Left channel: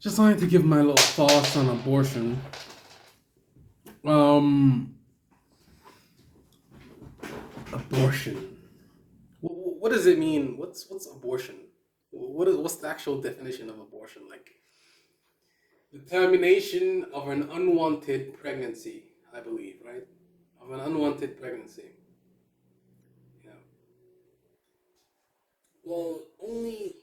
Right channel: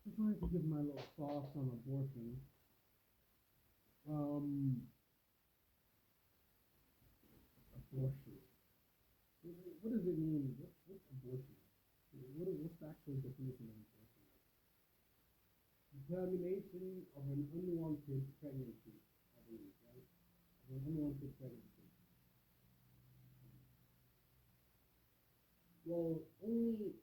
Just wanted to give my little thoughts on abortion. Um, Abortion. What does it mean? What's abortion? What's the actual definition of abortion? Like the termination of an unwanted pregnancy, I believe, right? Of an unwanted pregnancy. Yeah. Well, only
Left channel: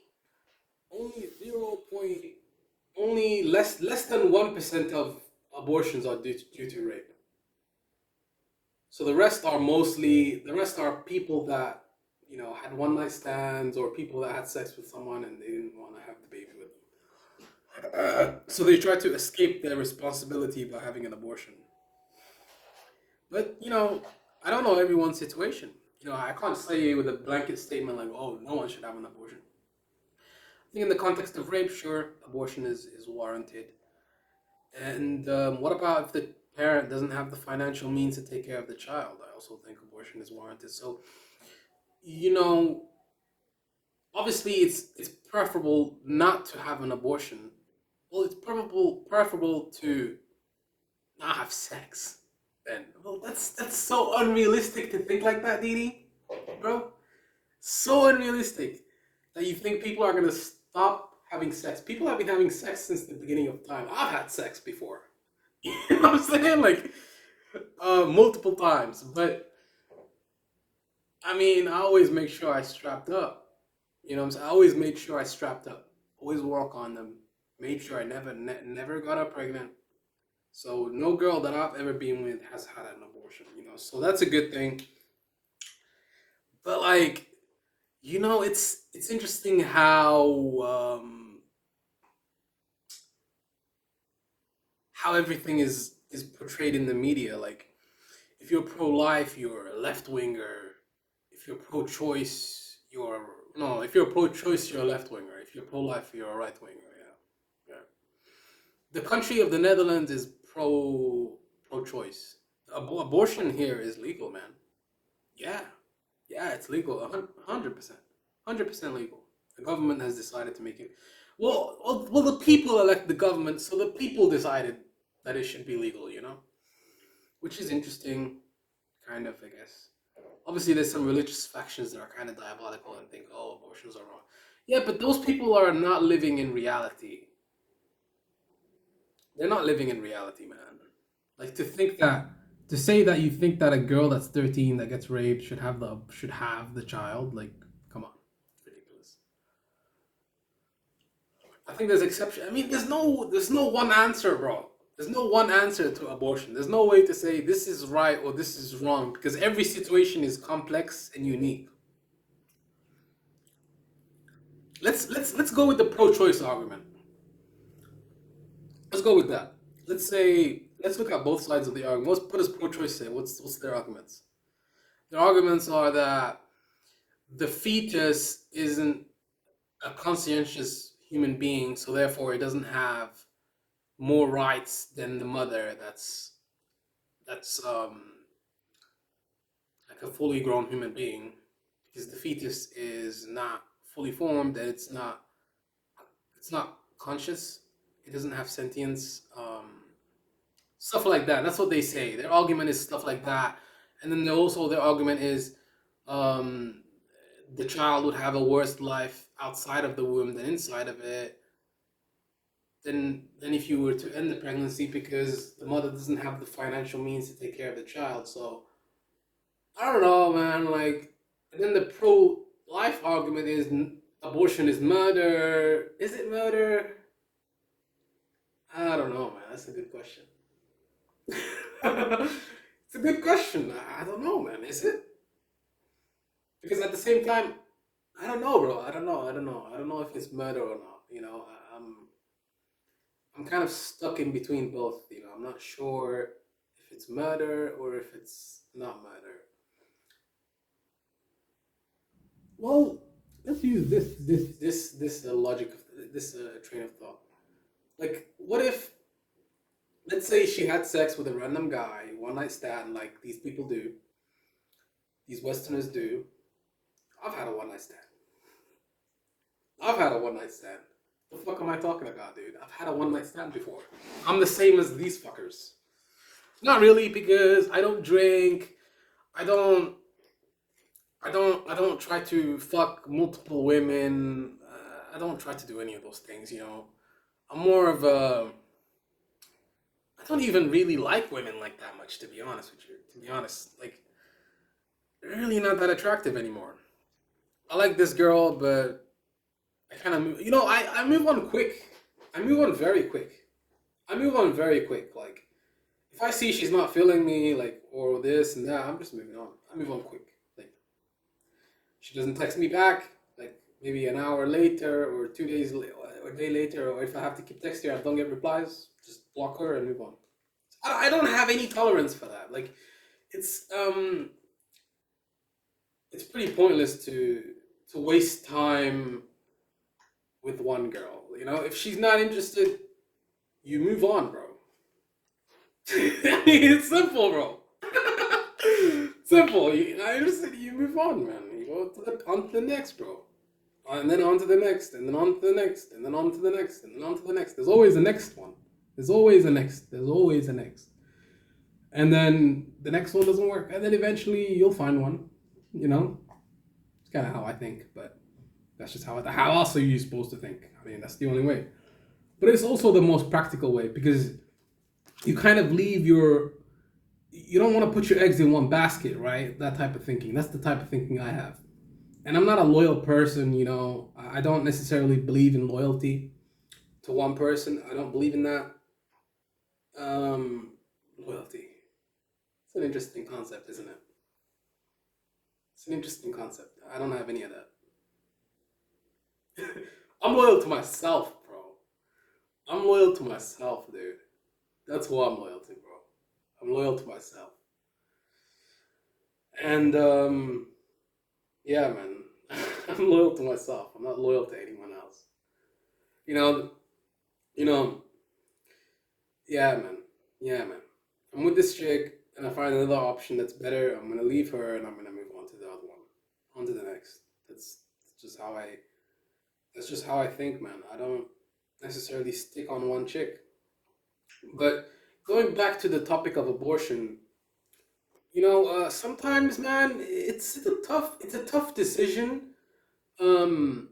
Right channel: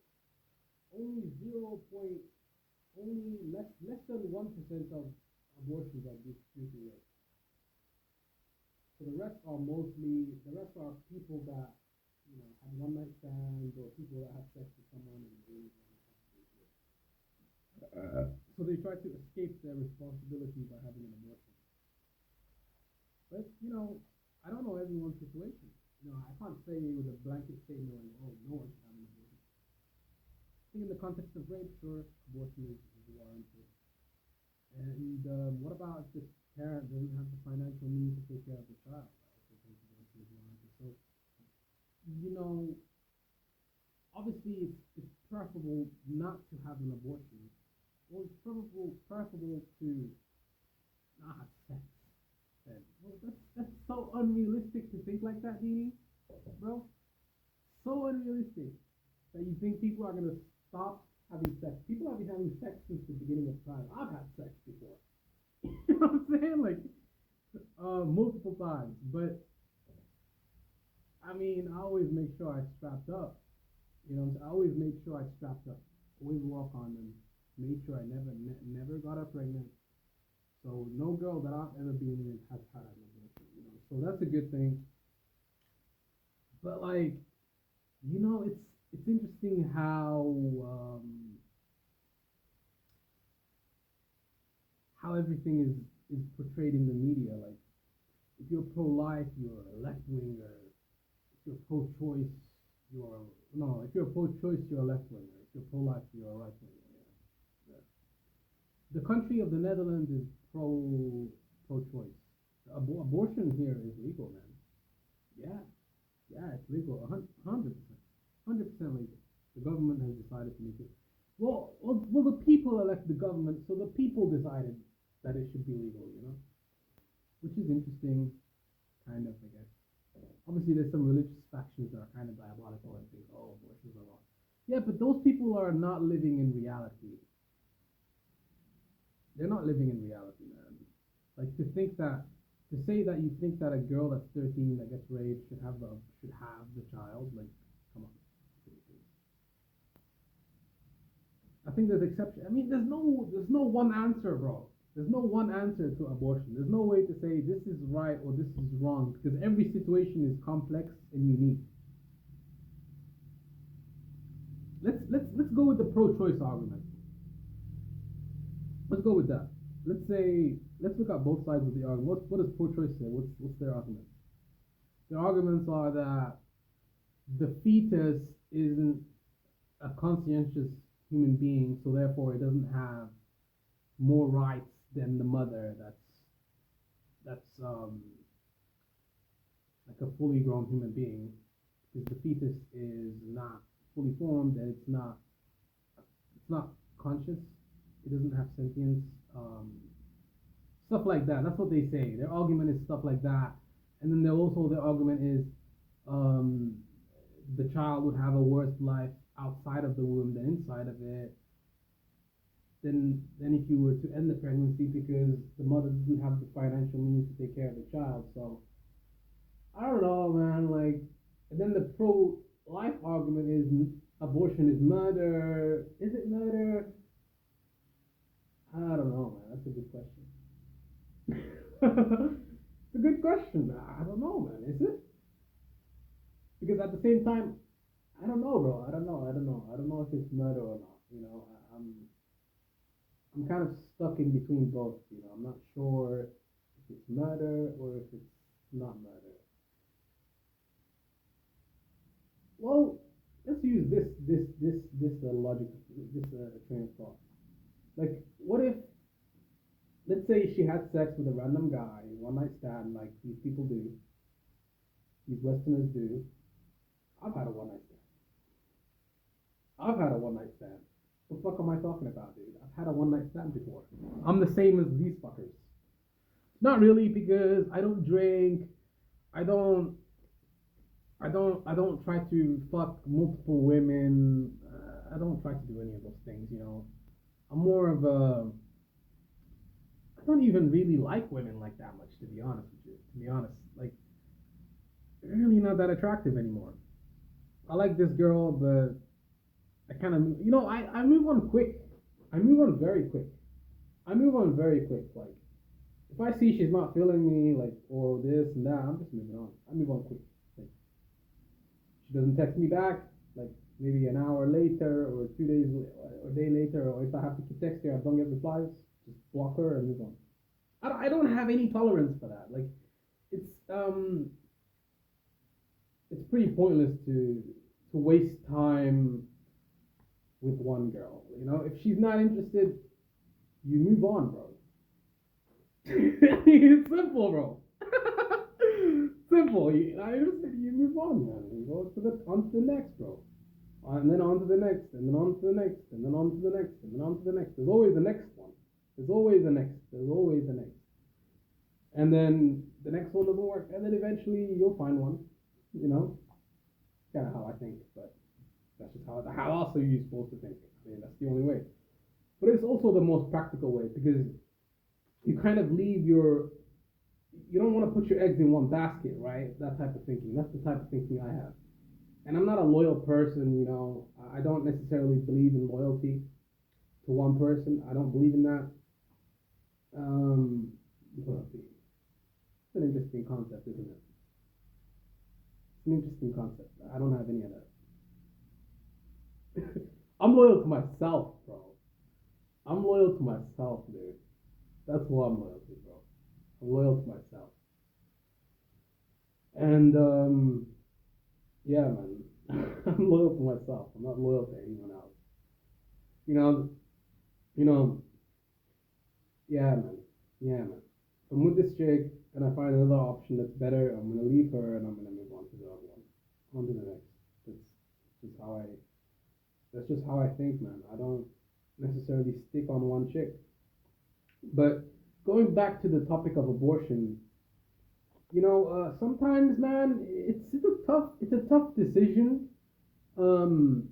only less than 1% of abortions are due to rape. So the rest are people that had one night stands or people that had sex with someone and they didn't want to have the baby with them. So they try to escape their responsibility by having an abortion. But I don't know everyone's situation. I can't say with a blanket statement like, "Oh, no one should have an abortion." I think in the context of rape, sure, abortion is warranted. And what about if the parent doesn't have the financial means to take care of the child? I also think abortion is warranted. So, you know, obviously it's preferable not to have an abortion. Well, it's preferable to not have sex. Then, well, that's so unrealistic to think like that, Didi, bro. So unrealistic that you think people are gonna stop having sex. People have been having sex since the beginning of time. I've had sex before. You know what I'm saying? Like multiple times. But I mean, I always make sure I strapped up. You know what I'm saying? I always made sure I strapped up. Always work on them. Made sure I never got her pregnant. So no girl that I've ever been with has had an abortion. So that's a good thing. But like, it's interesting how everything is portrayed in the media. Like, if you're pro-life, you're a left-winger. If you're pro-choice, you're no. If you're pro-choice, you're a left-winger. If you're pro-life, you're a right-winger. Yeah, yeah. The country of the Netherlands is pro-choice. Abortion here is legal, man. Yeah, yeah, it's legal. 100%, 100% legal. The government has decided to make it. Well, the people elect the government, so the people decided that it should be legal. Which is interesting, kind of, I guess. Obviously, there's some religious factions that are kind of diabolical and think, oh, abortions are wrong. Yeah, but those people are not living in reality. They're not living in reality, man. Like to say that you think that a girl that's 13 that gets raped should have the child, like, come on, it's ridiculous. I think there's exception. I mean, there's no one answer, bro. There's no one answer to abortion. There's no way to say this is right or this is wrong because every situation is complex and unique. Let's go with the pro-choice argument. Let's go with that. Let's look at both sides of the argument. What does pro-choice say? What's their arguments? Their arguments are that the fetus isn't a conscientious human being, so therefore it doesn't have more rights than the mother. That's like a fully grown human being, because the fetus is not fully formed and it's not conscious. It doesn't have sentience. Stuff like that. That's what they say. Their argument is stuff like that, and then also their argument is um, the child would have a worse life outside of the womb than inside of it. Than if you were to end the pregnancy because the mother doesn't have the financial means to take care of the child. So I don't know, man. Like, and then the pro life argument is abortion is murder. Is it murder? I don't know, man. That's a good question. It's a good question. I don't know, man. Is it? Because at the same time, I don't know, bro. I don't know. I don't know. I don't know if it's murder or not. I'm kind of stuck in between both. I'm not sure if it's murder or if it's not murder. Well, let's use this logic of this train of thought. Like, what if, let's say, she had sex with a random guy, one night stand, like these people do, these Westerners do. I've had a one night stand. I've had a one night stand. The fuck am I talking about, dude? I've had a one night stand before. I'm the same as these fuckers. Not really, because I don't drink. I don't. I don't try to fuck multiple women. I don't try to do any of those things. You know, I'm more of a. I don't even really like women like that much, to be honest with you. To be honest, like, they're really not that attractive anymore. I like this girl, but I kind of, I move on quick. I move on very quick. I move on very quick. Like, if I see she's not feeling me, like, or this and that, I'm just moving on. I move on quick. Like, she doesn't text me back, like, maybe an hour later or 2 days, or a day later, or if I have to keep texting her, I don't get replies, just block her and move on. I don't have any tolerance for that. Like, it's, um, it's pretty pointless to waste time with one girl. You know, if she's not interested, you move on, bro. It's simple, bro. Simple. I just said you move on, man. You go to the on to the next, bro, and then on to the next, and then on to the next, and then on to the next, and then on to the next. There's always a next one. There's always a next. There's always a next. And then the next one doesn't work, and then eventually you'll find one. You know, it's kind of how I think, but that's just how else are you supposed to think? I mean, that's the only way. But it's also the most practical way because you kind of leave your you don't want to put your eggs in one basket, right? That type of thinking. That's the type of thinking I have. And I'm not a loyal person, you know. I don't necessarily believe in loyalty to one person. I don't believe in that. Loyalty. It's an interesting concept, isn't it? It's an interesting concept. I don't have any of that. I'm loyal to myself, bro. I'm loyal to myself, dude. That's who I'm loyal to, bro. I'm loyal to myself. And yeah, man. I'm loyal to myself. I'm not loyal to anyone else. You know, you know, yeah, man. Yeah, man. If I'm with this chick and I find another option that's better, I'm gonna leave her and I'm gonna move on to the other one. On to the next. That's just how I that's just how I think, man. I don't necessarily stick on one chick. But going back to the topic of abortion, sometimes, man, it's a tough decision. Um,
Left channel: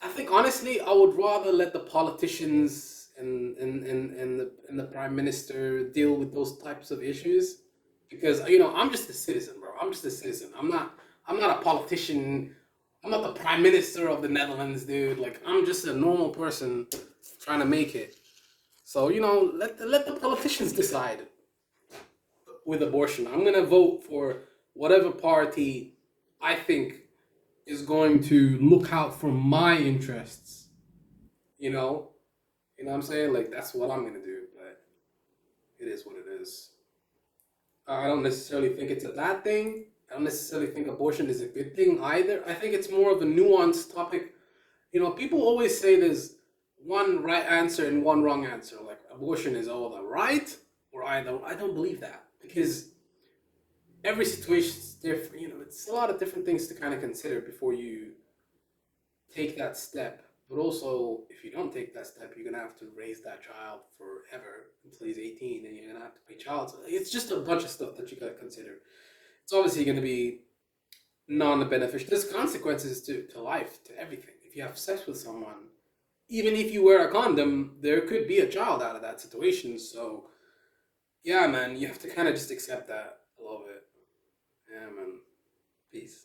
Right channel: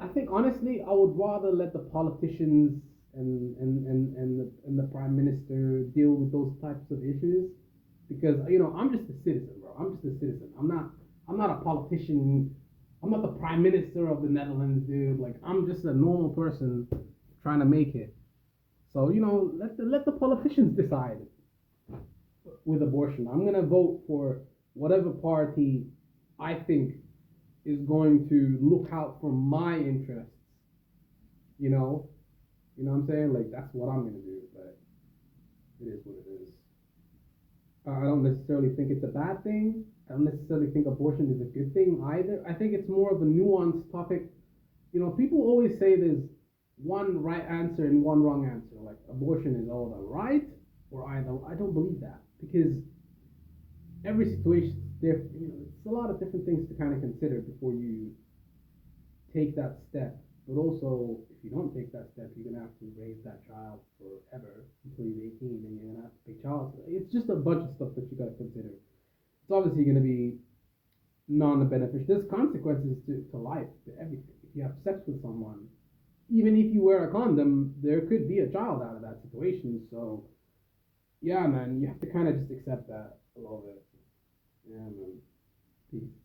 I think honestly, I would rather let the politicians and the prime minister deal with those types of issues, because I'm just a citizen, bro. I'm just a citizen. I'm not a politician. I'm not the prime minister of the Netherlands, dude. Like, I'm just a normal person trying to make it. So let the politicians decide with abortion. I'm gonna vote for whatever party I think is going to look out for my interests. You know, what I'm saying, like, that's what I'm gonna do. But it is what it is. I don't necessarily think it's a bad thing. I don't necessarily think abortion is a good thing either. I think it's more of a nuanced topic. People always say there's one right answer and one wrong answer. Like, abortion is all the right or either. I don't believe that, because every situation is different. It's a lot of different things to kind of consider before you take that step. But also, if you don't take that step, you're gonna have to raise that child forever until he's 18, and you're gonna have to pay child support. It's just a bunch of stuff that you gotta consider. It's obviously gonna be non-beneficial. There's consequences to life, to everything. If you have sex with someone, even if you wear a condom, there could be a child out of that situation. So, yeah, man, you have to kind of just accept that a little bit. Yeah, man. Peace.